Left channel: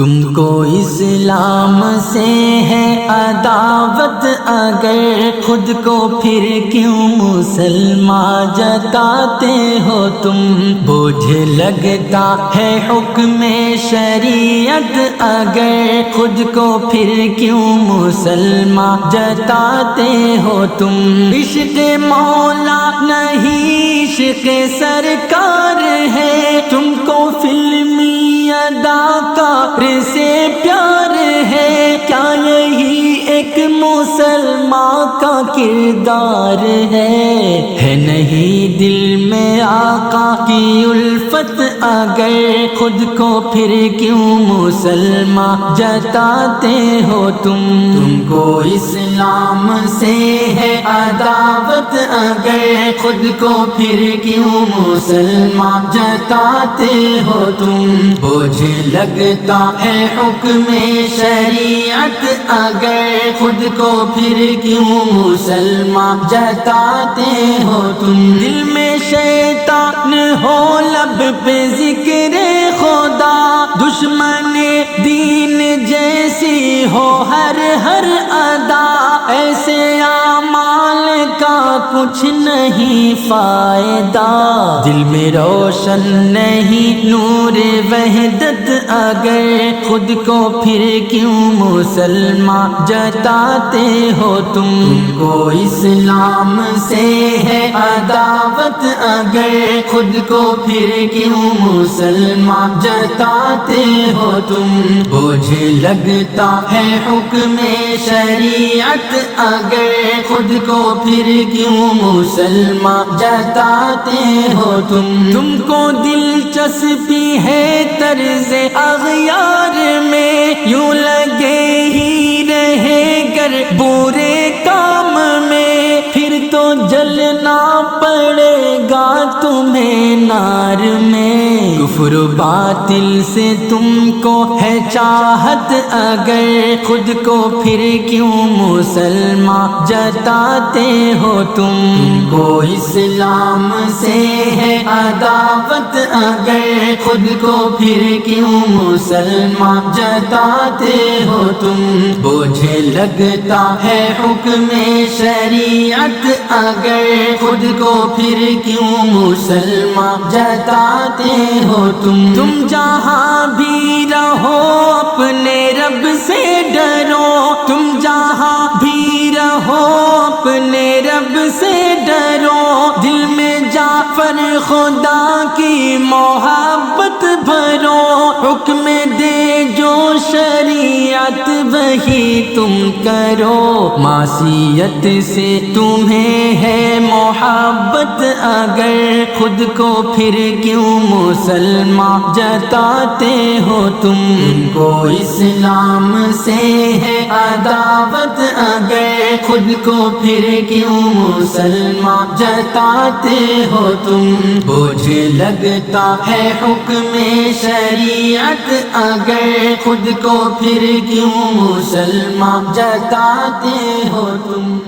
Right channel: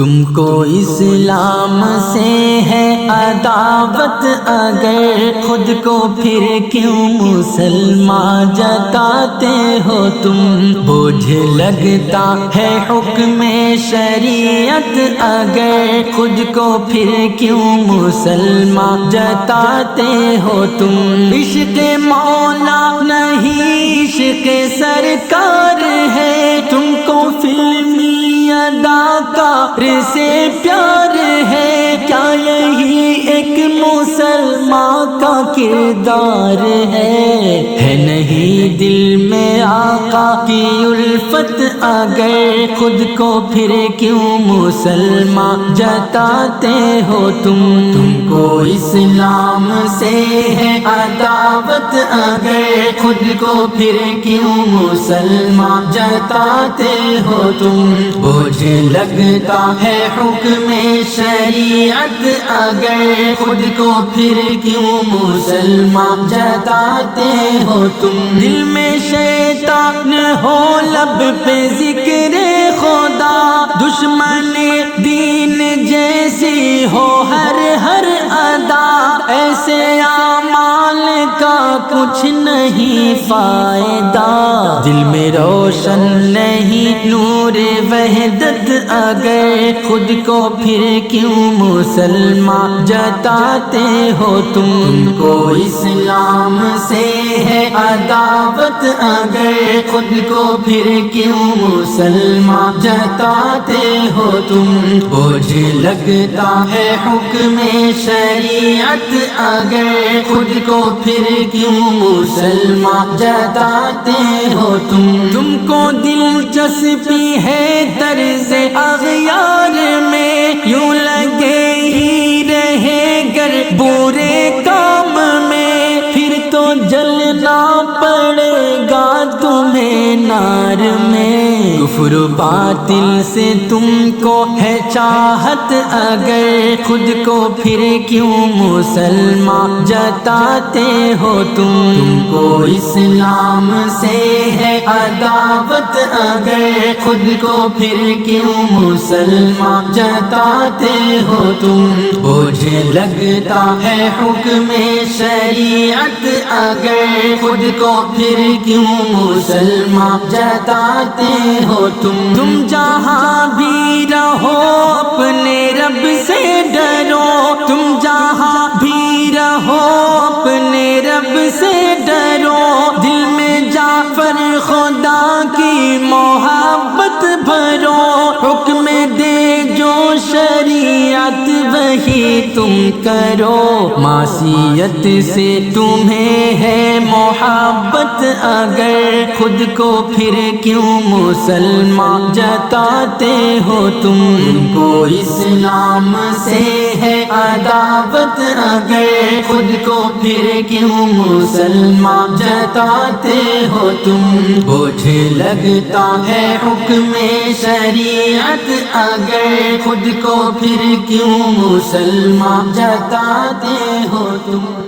تم کو اسلام سے ہے عداوت، اگر خود کو پھر کیوں مسلمان جتاتے ہو تم؟ بوجھ لگتا ہے حکم شریعت، اگر خود کو پھر کیوں مسلمان جتاتے ہو تم؟ عشق مولا نہیں عشق سرکار ہے، تم کو فلمی اداکار سے پیار ہے، کیا یہی ایک مسلمان کا کردار ہے نہیں دل میں آقا کی الفت، اگر خود کو پھر کیوں مسلمان جتاتے ہو تم؟ تم کو اسلام سے ہے عداوت، اگر خود کو پھر کیوں مسلمان جتاتے ہو تم؟ بوجھ لگتا ہے حکم شریعت، اگر خود کو پھر کیوں مسلمان جتاتے ہو تم؟ دل میں شیطان ہو لب پہ ذکر خدا، دشمن دین جیسی ہو ہر ادا، ایسے اعمال کا کچھ نہیں فائدہ، دل میں روشن نہیں نور وحدت، اگر خود کو پھر کیوں مسلمان جتاتے ہو تم؟ تم کو اسلام سے ہے عداوت، اگر خود کو پھر کیوں مسلمان جتاتے ہو تم؟ بوجھ لگتا ہے حکم شریعت، اگر خود کو پھر کیوں مسلمان جتاتے ہو تم؟ تم کو دلچسپی ہے طرز اغیار میں، یوں لگے ہی رہے گر برے کام میں، پھر تو جلنا پڑے گا تمہیں نار میں، کفر و باطل سے تم کو ہے چاہت، اگر خود کو پھر کیوں مسلمان جتاتے ہو تم؟ تم کو اسلام سے ہے عداوت، اگر خود کو پھر کیوں مسلمان جتاتے ہو تم؟ بوجھ لگتا ہے حکم شریعت، اگر خود کو پھر کیوں مسلمان جتاتے ہو تم؟ تم جہاں بھی رہو اپنے رب سے ڈرو، تم جہاں بھی رہو اپنے رب سے ڈرو، دل میں جعفر خدا کی محبت بھرو، حکم دے جو شریعت وہی تم کرو، معصیت سے تمہیں ہے محبت، اگر خود کو پھر کیوں مسلمان جتاتے ہو تم؟ تم کو اسلام سے ہے عداوت، اگر خود کو پھر کیوں مسلمان جتاتے ہو تم؟ بوجھ لگتا ہے حکم شریعت، اگر خود کو پھر کیوں مسلمان جتاتے ہو تم؟